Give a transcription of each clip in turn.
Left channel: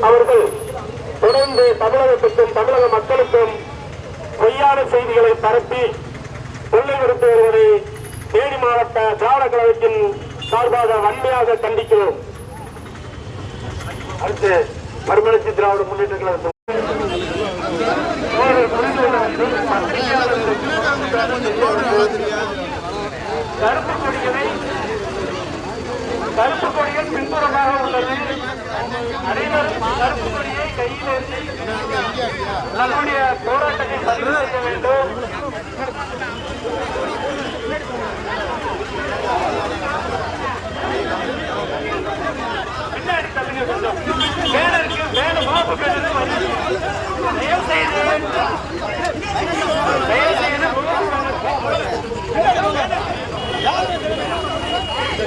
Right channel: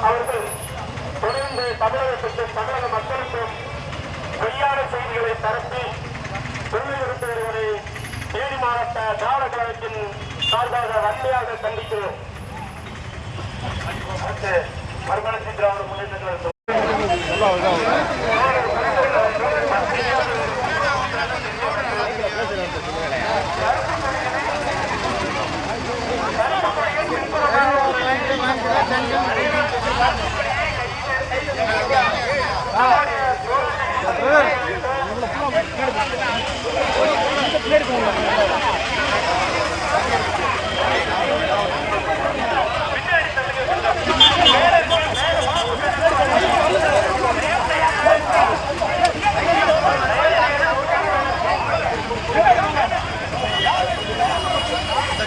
அவர்கள் தொடர்ந்து தமிழகத்திற்கும் தமிழக மக்களுக்கும் பொய்யான செய்திகளை பரப்பி கொள்ளை வருத்து வருவதை தேனி மாவட்ட திராவிட கழகத்தின் சார்பாக வன்மையாக கண்டிக்கிறோம். அடுத்து மறுமலர்ச்சி திராவிட முன்னேற்ற கழகத்தில்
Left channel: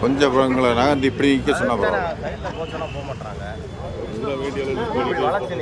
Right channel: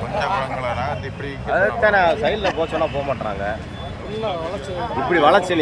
கொஞ்சம் எங்களை நகர்ந்து இப்படி நிற்க சொன்னா போக மாட்டாங்க இப்படி வளர்ச்சி